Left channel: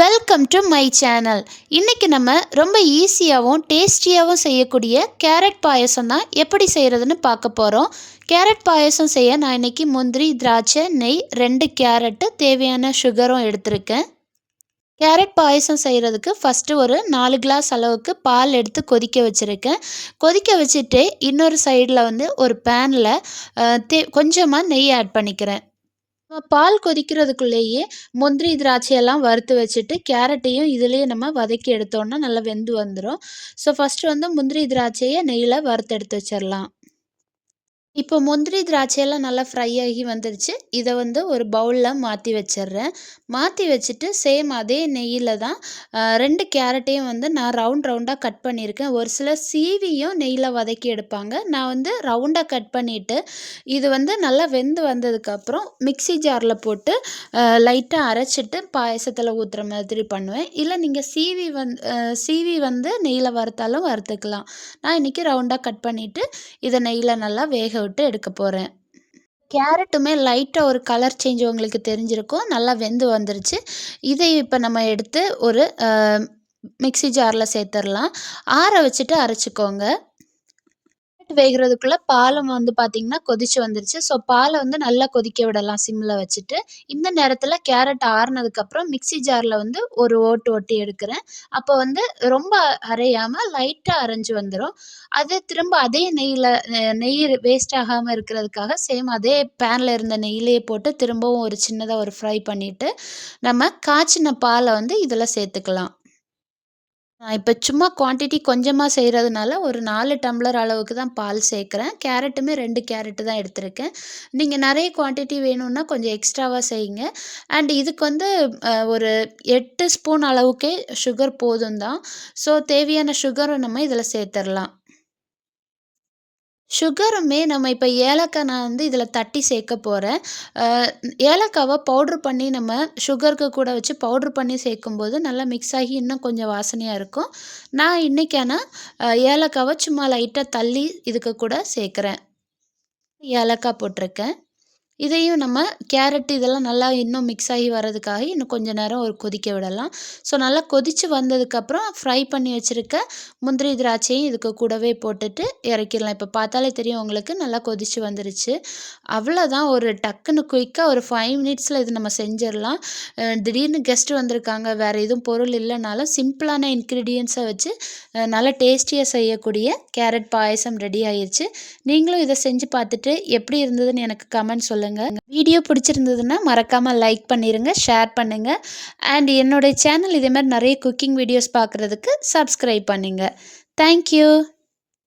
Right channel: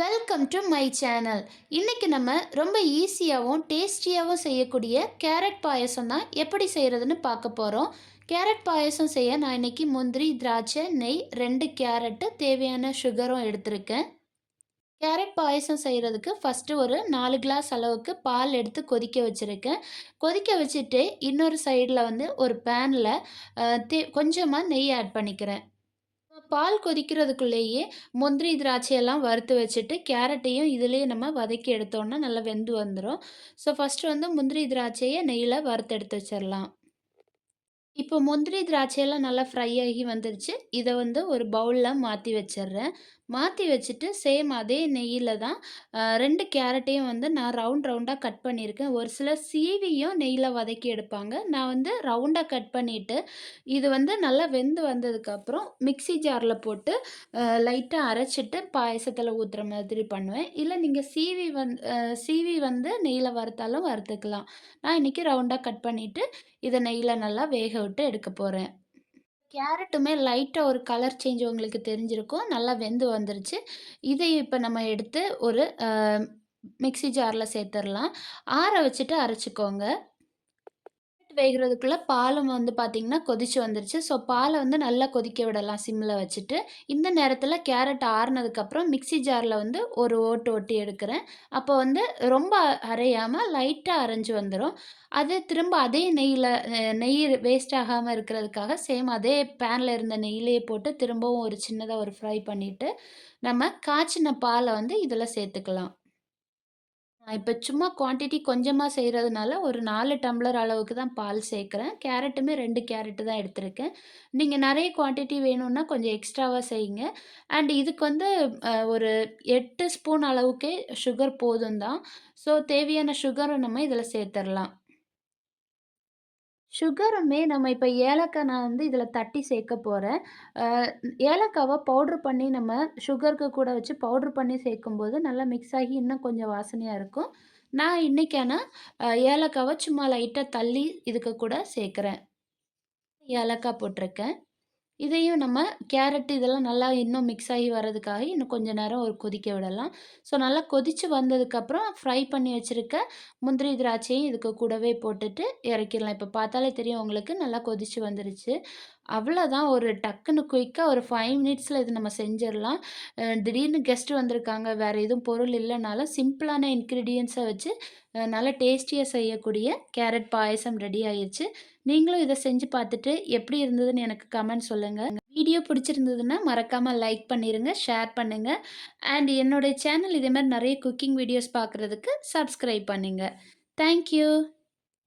Welcome to my channel. இன்றைக்கி நம்ம ரொம்ப ஈஸியாகவும் டேஸ்டியாகவும் செய்யக்கூடிய கேரட் பாயசம் தான் எப்படி செய்கிறதுன்னு பார்க்க போகிறோம். கேரட் பாயசம் செய்ய நான் இன்றைக்கி முந்திரி, திராட்சை, நெய், 2 கேரட்டு, தேவையான சுகரும் எடுத்திருக்கேன். கேரட் பாயசம் செய்கிறதுக்கு ஃபஸ்ட்டு ஒரு 4 கிளாஸ் அளவுக்கு பால் எடுத்து கொதிக்க வச்சுருக்கேன். கொதிக்க வச்சுட்டு இன்னொரு சைடில் ஒரு பேனில் கொஞ்சமாக நெய் ஆட் பண்ணிக்கிறேன். பால் கொதிக்கிறதுக்குள்ளேயே முந்திரி, திராட்சையெல்லாம் வறுத்து வச்சுட்டு, கேரட்டையும் இதிலேயே நம்ம வதக்கி எடுத்தோம்னா நல்லா வெந்து வந்துரும். ஸோ ஃபஸ்ட்டு முந்திரி, திராட்சைய நெய்யில வறுத்து எடுத்து வச்சிரலாம். இப்போ முந்திரி, திராட்சையெல்லாம் நல்லா ஃப்ரை ஆகி வந்துருச்சு. இதை ஒரு பவுலில் மாற்றி வச்சிடுறேன். மாற்றி வச்சுட்டு சேம் அதே நெய்யில் தான் 2 கேரட்டையும் நான் ரவுண்ட் ரவுண்டாக கட் பண்ணியிருக்கேன். ஒரு சிலர் சீவியும் நெய்யில் வதக்கி எடுப்பாங்க. நான் ரவுண்டாக கட் பண்ணிவிட்டு இது நல்லா வெந்து வந்ததுக்கப்புறம் மிக்ஸி ஜாரில் போட்டு லைட்டாக அரைச்சிட்டு பாயசத்தில் ஊற்றுற மாதிரி பண்ணுவேன். இல்லை நீங்கள் சீவி நெய்யில் வறுத்தாலும் வறுத்துக்கலாம். நான் இன்றைக்கி ரவுண்டாக கட் பண்ணிவிட்டு இதை நெய்யில் நல்லா வேக விட்டு எடுக்க போகிறேன். கேரட்டுமே லைட்டாக ஒரு கலர் சேஞ்ச் உங்களுக்கு தெரிஞ்சிருக்கும். நல்லா வெந்து வந்துருச்சு. இதை இப்போ நம்ம எடுத்து ஒரு மிக்ஸி ஜாரில் சேர்த்துடலாம். ஆற வச்சுட்டு அரைச்சிக்கோங்க. வேகிறதுக்குள்ளே பாலும் பார்த்திங்கன்னா கொதிச்சு வந்துருச்சு. ஸோ பாலை நல்லா கொதிக்க விடலாம் சிம்மில் வச்சுட்டு. இந்த நேரத்தில் கேரட் ஆறுனதுக்கப்புறம் மிக்ஸி ஜாரில் ஒரு ஓட்டு ஓட்டி எடுக்கிறேன். அப்போ ரொம்ப அரையாமல் லைட்டாக அரைஞ்சு வந்துடும். அது திரும்ப அதே நெய் வேஸ்ட் ஆகாமல் இருக்கிறதுக்காக சேம் அதே பேனில் இருந்த நெய்யிலேயே போட்டு திரும்பவும் ஒரு சின்னதாக ஒரு ஃப்ரை பண்ணிவிட்டு நம்ம காய்ச்சின பாலை இதில் சேர்த்துக்கலாம். நான் இப்போ சும்மா குவான்டிட்டி கொஞ்சமாக செய்கிறதுனால ஒரு 4 டம்ளர் அளவுக்கு தான் பால் சேர்க்குறேன். கேரட்டுமே 2 கேரட்டு தான் எடுத்திருக்கேன். நீங்கள் நிறைய குவான்டிட்டி வேணும்னா கொஞ்சம் எக்ஸ்ட்ராவாக செய்யுங்க. அண்ட் இதுக்கு ஒரு 8 ஸ்பூன் அளவுக்கே சுகர் போதும் தான். ஸோ தேவையான சுகரை நம்ம இதில் சேர்த்துடலாம். சுகருமே நம்ம இப்போ ஏலக்காய் நான் இதில் தட்டி சேர்க்க போகிறேன். ஏலக்காவை பவுட்ரு பண்ணி நம்ம சுகருக்கு கூட வச்சு பவுட்ரு பண்ணி சேர்க்கும்போது நல்லா மிக்ஸ் ஆகி இன்னும் கொஞ்சம் வாசனையாக இருக்கும். நான் இன்றைக்கான ஏலக்காவை சும்மா லைட்டாக தள்ளி இதுக்கு கூட சேர்க்குறேன். ஏலக்காய் போட்டிருக்கேன். இதையும் நம்ம கேரட் இதெல்லாம் நல்லா இன்னும் மிக்ஸ் ஆகி வர்றதுக்காக இன்னும் கொஞ்சம் நேரம் ஒரு கொதிக்க விடலாம். ஸோ நல்லா கொதித்து வந்ததுக்கப்புறம் ஃப்ரை பண்ணி வச்சுருக்க முந்திரி, திராட்சையும் இதுக்கு கூடவே போட்டுட்டு இறக்கிடலாம். இப்போ பார்த்தாலே தெரியும் உங்களுக்கு நல்லா கொதித்து வந்துருச்சு. அவ்வளோதான், ஒரு டக்குன்னு குயிக்காக ஒரு 5 மினிட்ஸில் இது நம்ம செஞ்சிடலாம். திடீர்னு கெஸ்ட்டு வந்திருக்காங்க, வேறு எதுவும் பொருள் இல்லைனாலும் சிம்பிளான இன்க்ரீடியன்ஸை வச்சு நல்லா டேஸ்டியாக செய்யக்கூடிய கேரட் பாயசம் ரெடி ஆயிடுச்சு. நீங்களும் இதை செஞ்சு பார்த்துட்டு எப்படி இருந்ததுன்னு எனக்கு கமெண்ட் சொல்லுங்கள். வீடியோ பிடிச்சிருந்ததுன்னா மறக்காமல் லைக் பண்ணிடுங்க, ஷேர் பண்ணுங்கள். அண்ட் என்னோடய சேனல் இதே மாதிரி நிறைய குக்கிங் வீடியோஸ் பார்க்குறதுக்கு சப்ஸ்கிரைப் பண்ணுங்கள். தேங்க்யூ.